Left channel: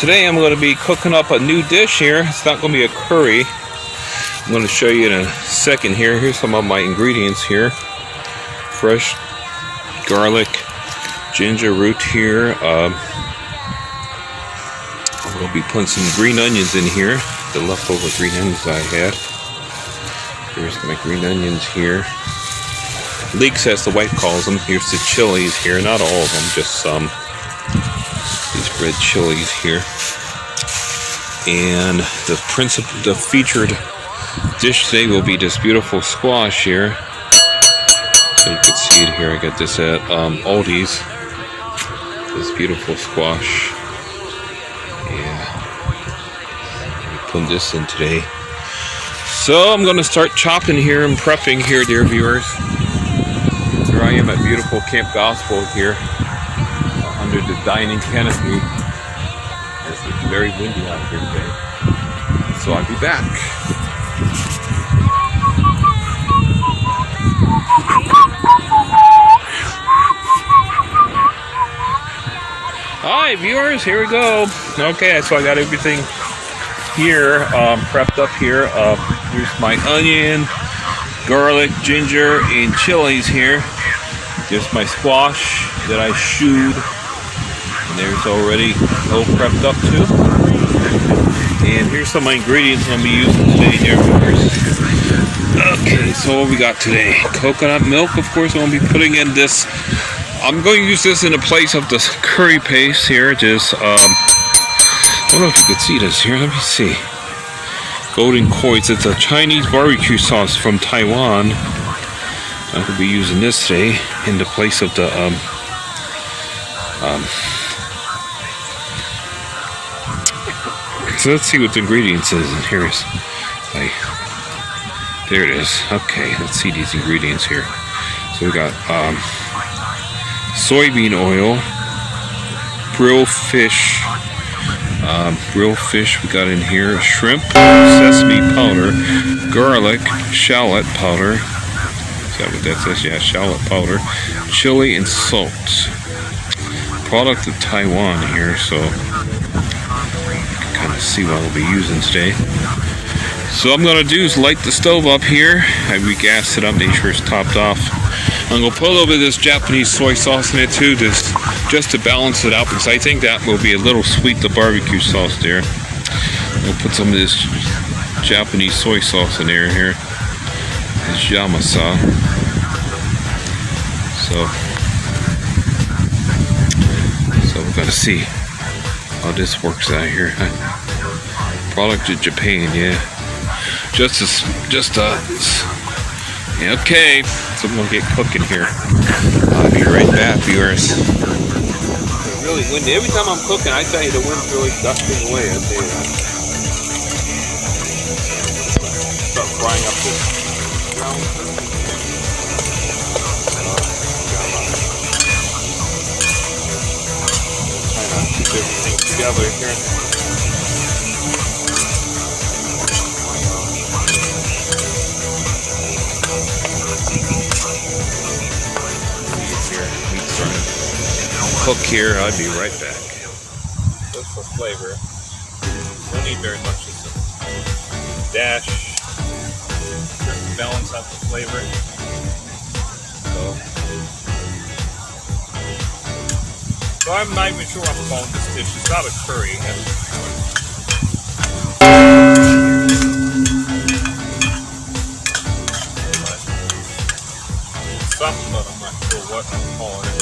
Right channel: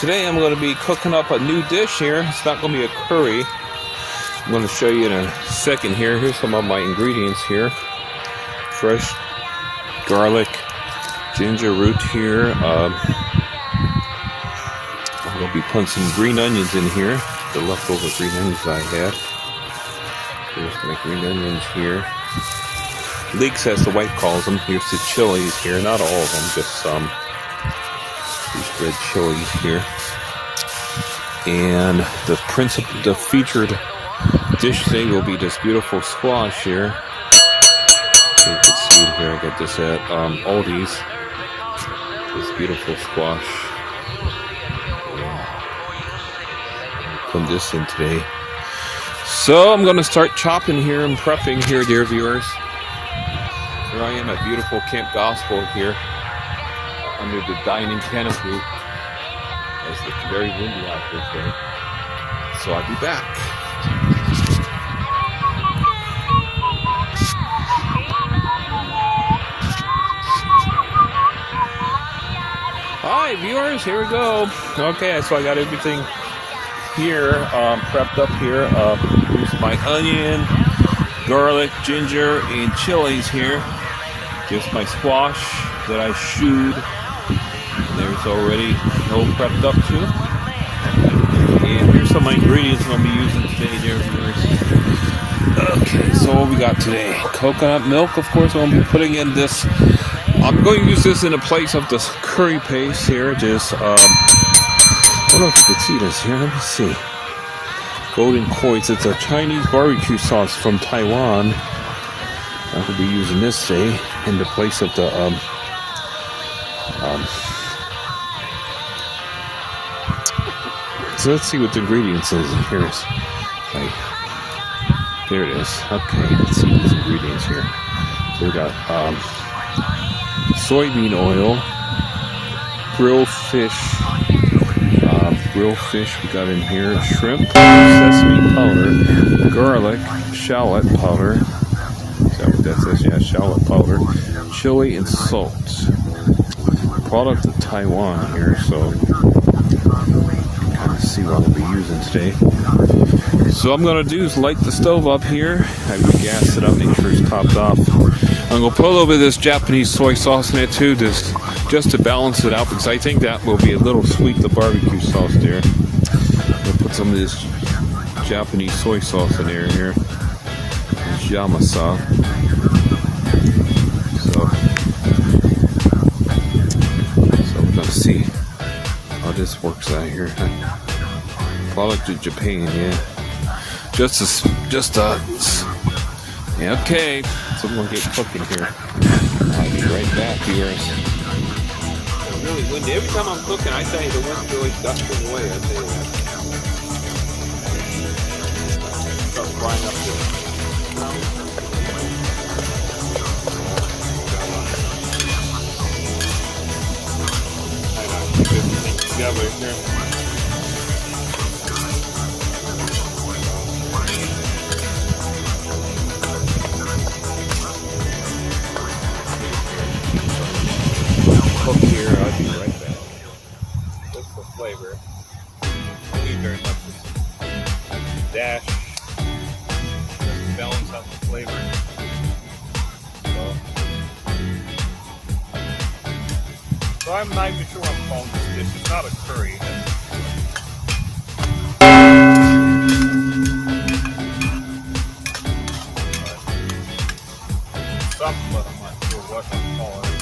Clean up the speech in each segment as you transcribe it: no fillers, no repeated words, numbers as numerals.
Today I'm going to be cooking up a new dish here. It's not going to be a curry. I'm going to show you in a second here. Here's some of my ingredients here. Fresh garlic, ginger root here. I'll be putting some green onions in here. The leftover green onions I had. Here's my green onions here. Leeks, as the wife calls them. Here's the chilies here. Not all of them, just some. These red chilies here. And the featured dish today will be this beautiful squash here. So you can see it here. I got this at Aldi's. This beautiful squash. Yeah. Put this in today. So I'm going to start chopping here and prepping here, dear viewers. Here I am at beautiful Camp Gospel here. Under the dining canopy. It's like very windy out here. So I'll be back. Hi viewers, here we go. Okay, so I got everything here prepped up here. Here's my onion, garlic, ginger, and chilies here. Here's my squash that I shoed. There's already all prepped up too. And here's some of my ingredients I'll be using today, dear viewers. Okay, so what we got today? Coconut milk, of course, I'm going to be putting in this. I'm going to use this in the place of this curry paste here. Just, I don't know if you can see this here. Let me see. Golden Koi's. It's a Chinese barbecue sauce from Taiwan. I will be using this today in the place of the So let's see what the ingredients is. Here's, okay, there it is. Okay, let's see these ingredients here. So we got soybean oil, grilled fish. We got in here shrimp, sesame powder, garlic, shallot powder. Is that what that says? Yeah, shallot powder, chili, and salt. Product of Taiwan here, so see what we'll be using today. So what I'm going to do is light the stove up here. I've gassed it up, make sure it's topped off. I'm going to put a little bit of this Japanese soy sauce in it too, just to balance it out, because I think that will be a little sweet, the barbecue sauce there. We'll put some of this Japanese soy sauce in there here. This yamasa. So we've got to see how this works out here. Product of Japan, yeah. Yeah, okay. So I'm gonna get cooking here. I'll be right back, viewers. It's really windy. Every time I'm cooking, I tell you the wind's really gusting away. Start frying up this. Cook here, I'll be right back. Just for flavor. Don't need very much. Just a dash. Balance out the flavor. So I'm not even sure what I'm calling this dish. It's not a curry. Something, but I'm not sure what I'm calling it.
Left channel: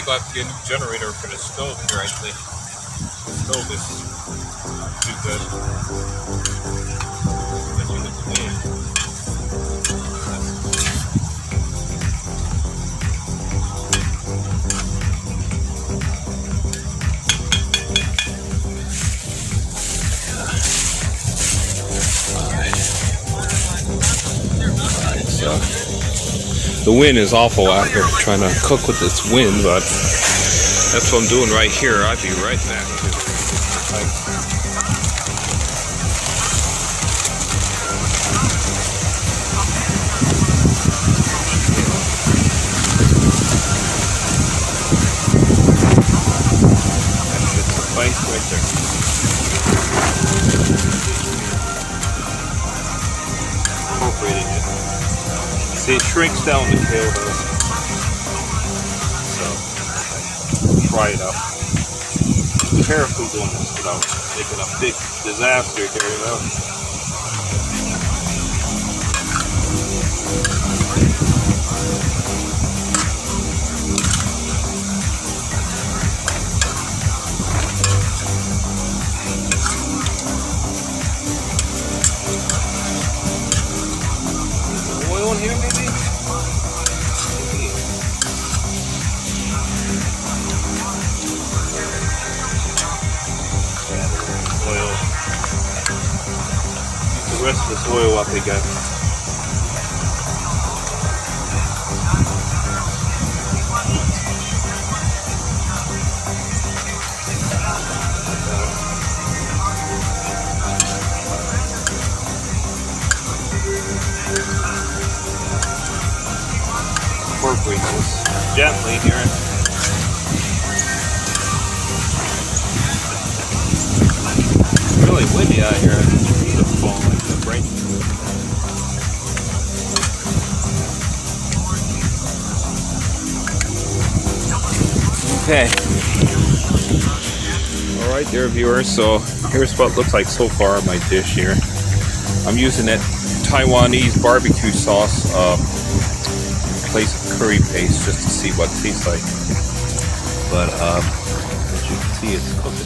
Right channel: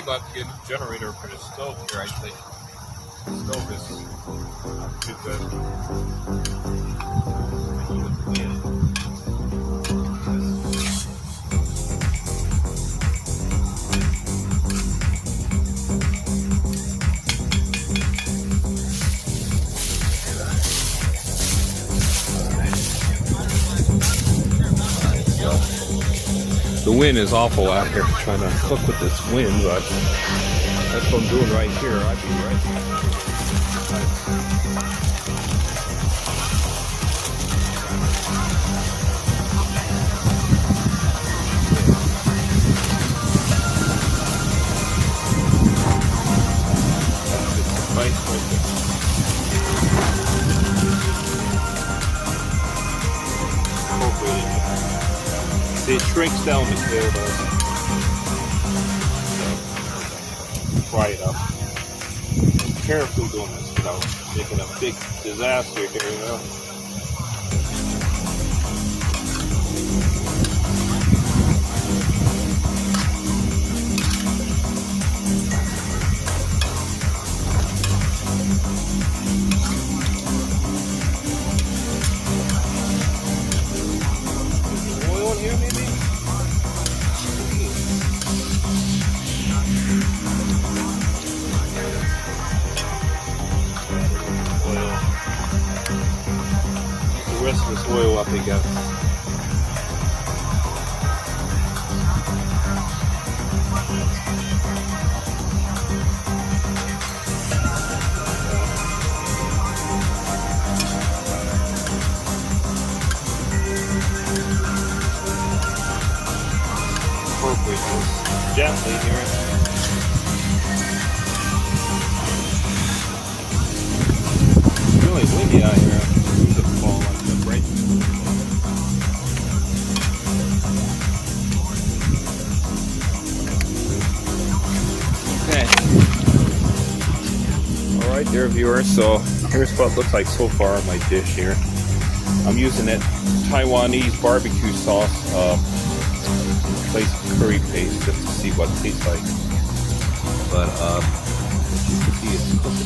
probably going to have to get a new generator for the stove here, I think. The stove is too good. As you can see. The wind is awful after trying to cook with this wind, but that's what I'm doing right here. I'll be right back. It shrinks down the camera. Try it out. Be careful doing this without making a big disaster here, you know. Again. Incorporate this gently here. It's really windy out here. Okay. Alright there, viewers, so here's what it looks like so far on my dish here. I'm using that Taiwanese barbecue sauce, place curry paste, just to see what it tastes like. But as you can see, it's cooking.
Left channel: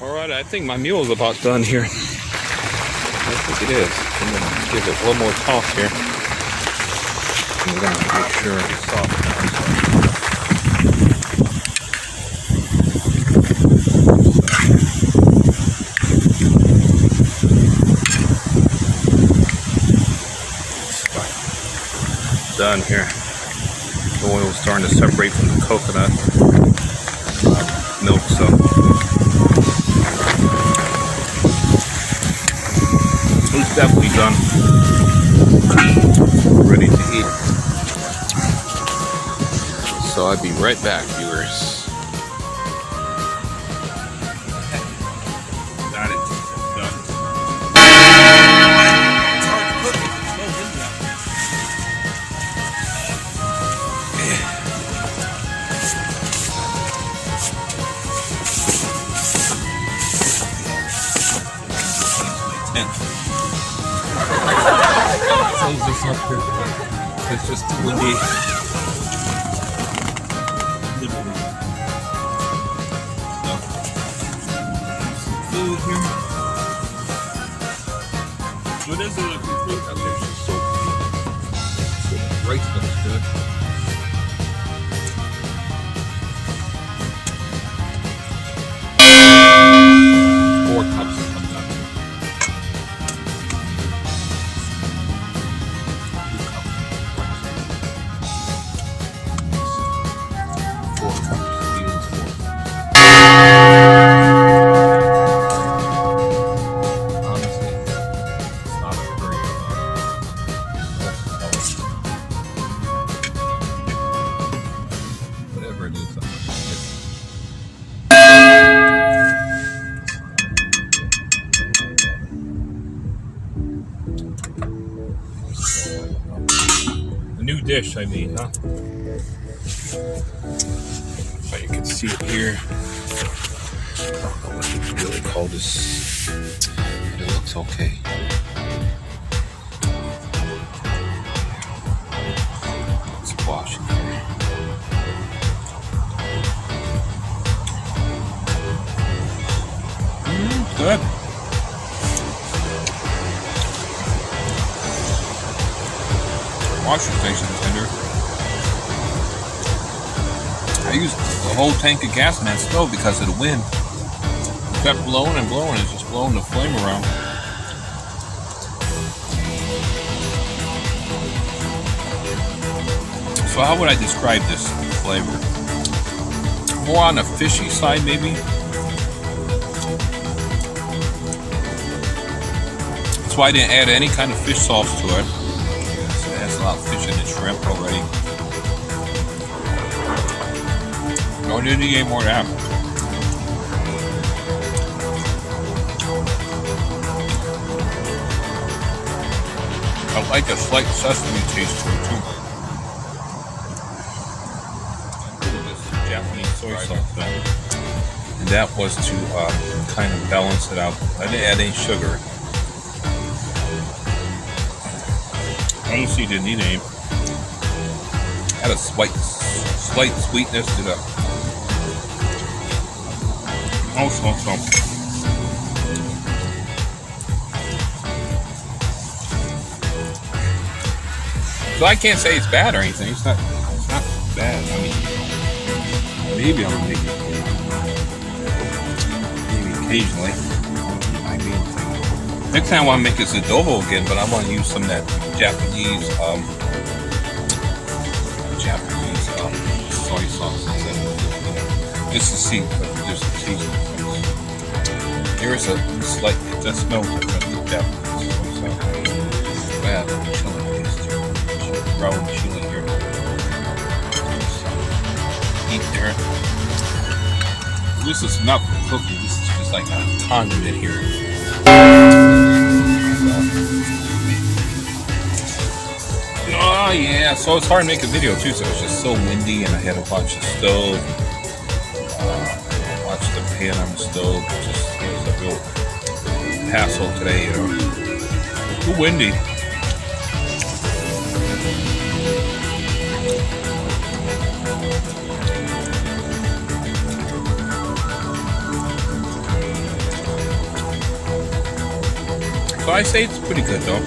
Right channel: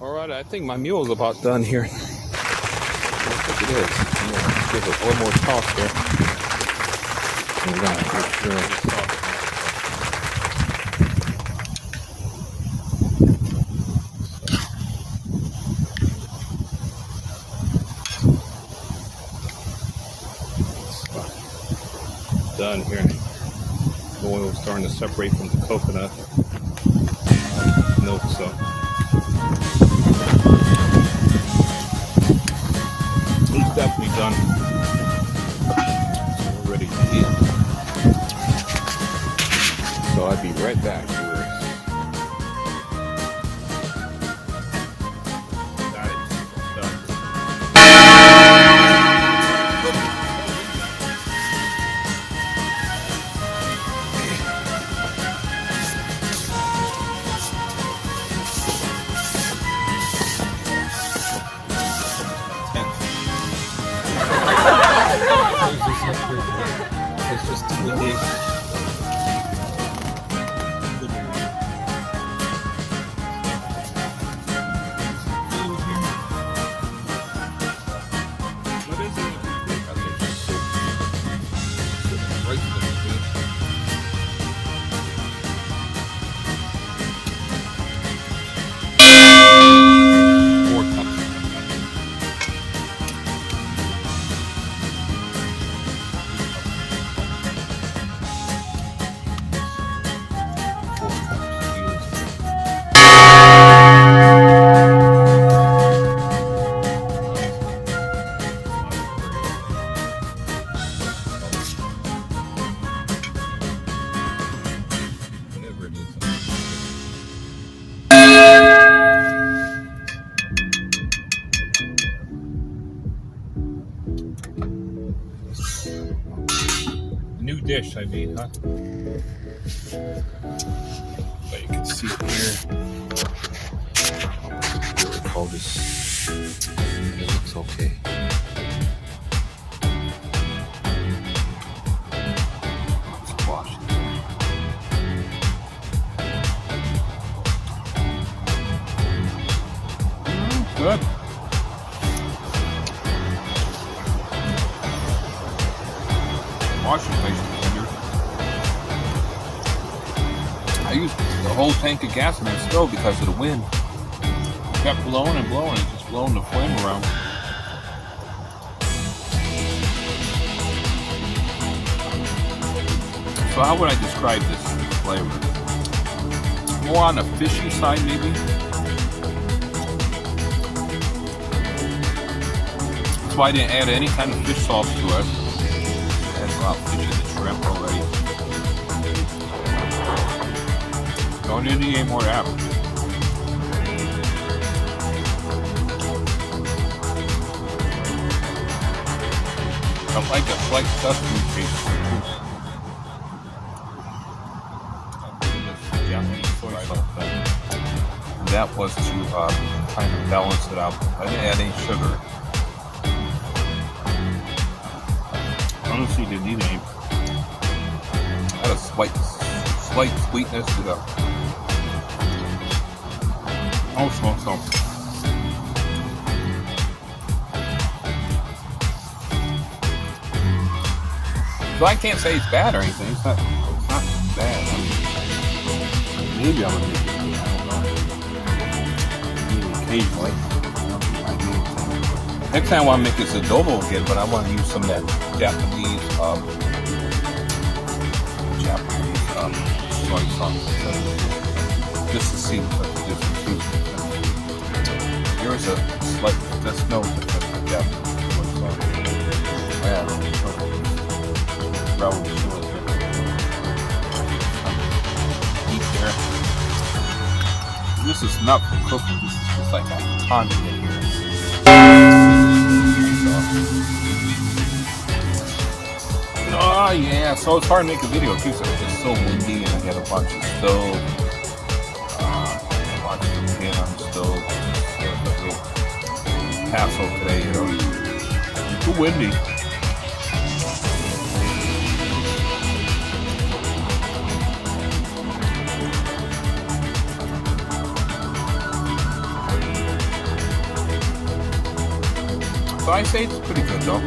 Alright, I think my meal is about done here. I think it is. I'm going to give it one more toss here. I'm going to make sure I get sauce. Done here. The oil is starting to separate from the coconut milk, so it's definitely done. Ready to eat. So I'll be right back, viewers. It's just too windy. new dish I made, huh? But you can see here. I don't know what to really call this. It looks okay. Squash. Good. Squash is nice and tender. I used the whole tank of gas in that stove because of the wind. It kept blowing and blowing. It's just blowing the flame around. So how would I describe this flavor? More on the fishy side, maybe. That's why I didn't add any kind of fish sauce to it. It has a lot of fish in the shrimp already. No, I didn't need any more of that. I like a slight sesame taste to it too. This is Japanese soy sauce there. And that was to kind of balance it out. I didn't add any sugar. Honestly, didn't need any. Had a slight sweetness to the so. So I can't say it's bad or anything. It's not bad. I mean, maybe I'll make it. Maybe occasionally. Next time I want to make this adobo again, but I want to use some of that Japanese soy sauce. Just to see, just to taste. Here is a slight, just no Japanese soy sauce. Brown chili here. Eat there. This is not for cooking. This is just like a condiment here. Oh yeah, so it's hard to make a video too, so it's just so windy and I had to watch the stove, watch the pan on the stove. It was a real hassle today, you know. It's too windy. So I say it's pretty good though.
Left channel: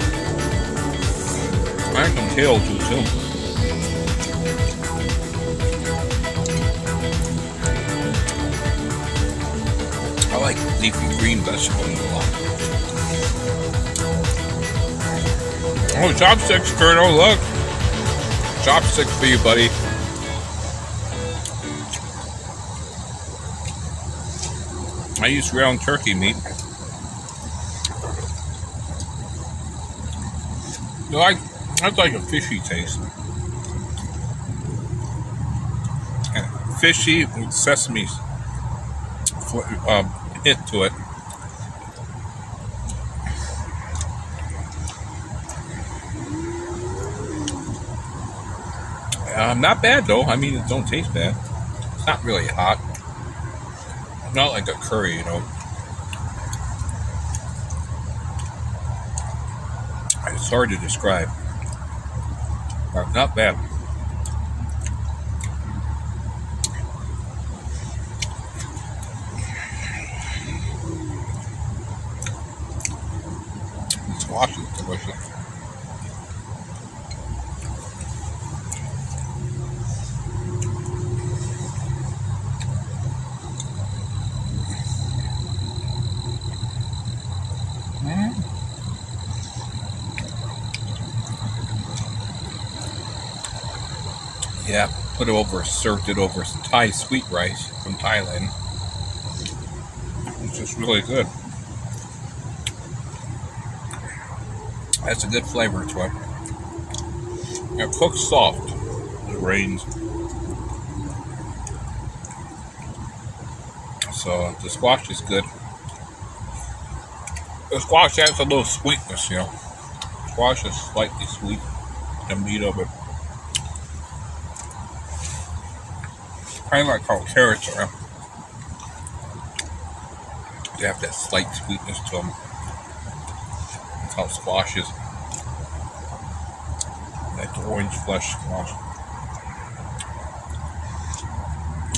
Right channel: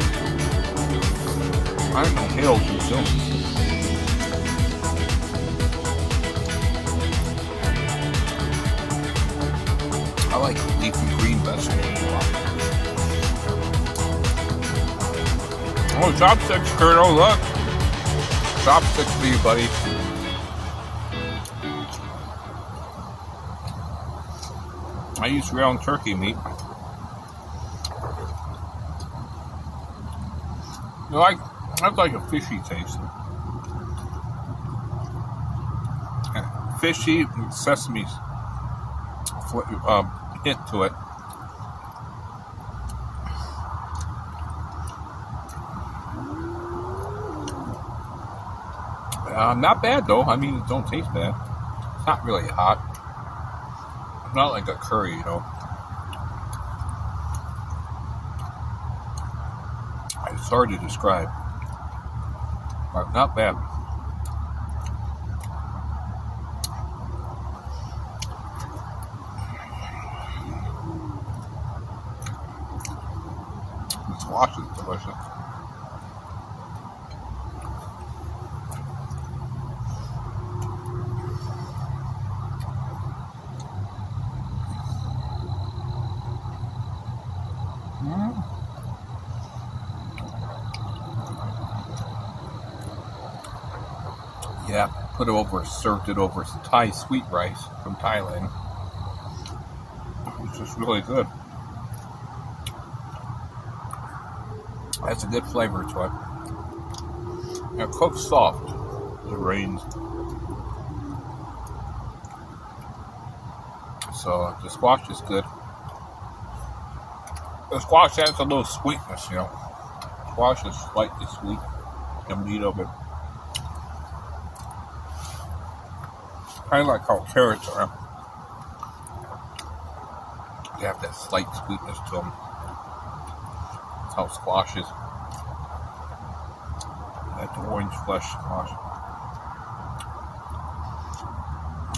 I don't kill too soon. I like leafy green vegetables a lot. Oh, chopsticks, Colonel, look. Chopsticks for you, buddy. I use ground turkey meat. That's like a fishy taste. Fishy with sesame hint to it. Not bad though. I mean, it don't taste bad. It's not really hot. Not like a curry, you know. It's hard to describe. But not bad. The squash is delicious. Yeah, served it over some Thai sweet rice from Thailand. It's just really good. That's a good flavor to it. It cooks soft. It rains. So the squash is good. The squash adds a little sweetness, you know. Squash is slightly sweet. The meat of it. kind of like how carrots are. They have that slight sweetness to them. That's how squash is. Like the orange flesh squash.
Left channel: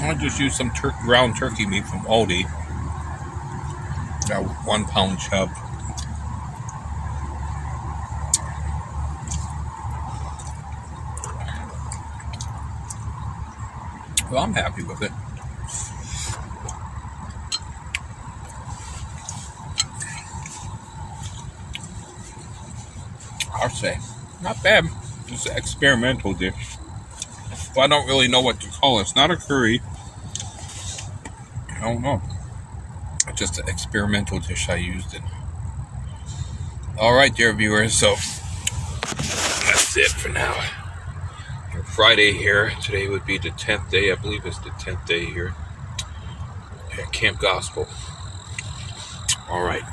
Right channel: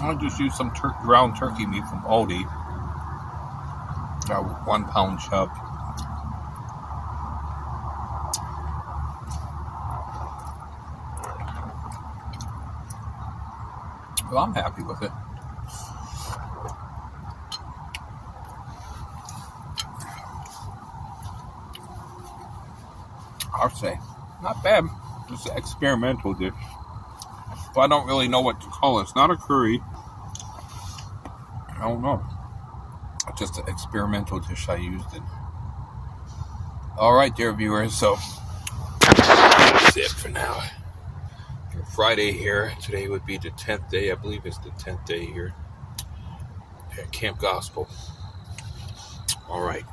I just used some ground turkey meat from Aldi. 1 pound chub. Well, I'm happy with it. I'll say, not bad. Just an experimental dish. But I don't really know what to call it. It's not a curry. I don't know. It's just an experimental dish I used it. Alright, dear viewers, so that's it for now. Friday here. Today would be the 10th day. I believe it's the 10th day here at Camp Gospel. Alright.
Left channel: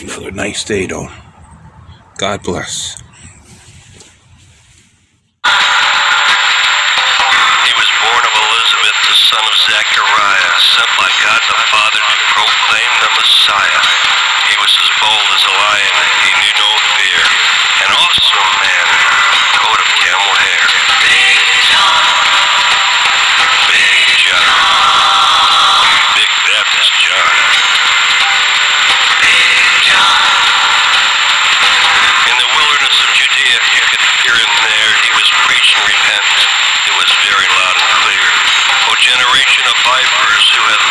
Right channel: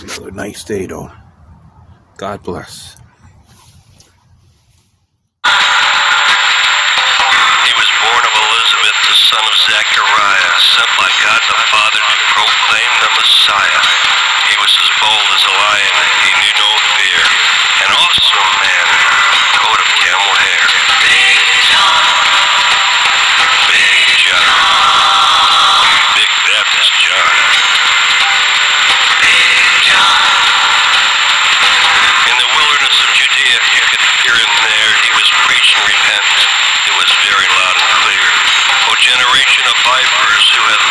Another nice day, though. God bless. He was born of Elizabeth, the son of Zechariah, sent by God the Father to proclaim the Messiah. He was as bold as a lion, he knew no fear. An awesome man, coat of camel hair. Big John, Big John, Big Baptist John, Big John. In the wilderness of Judea, you could hear him there. He was preaching repentance. It was very loud and clear. O generation of vipers, who hath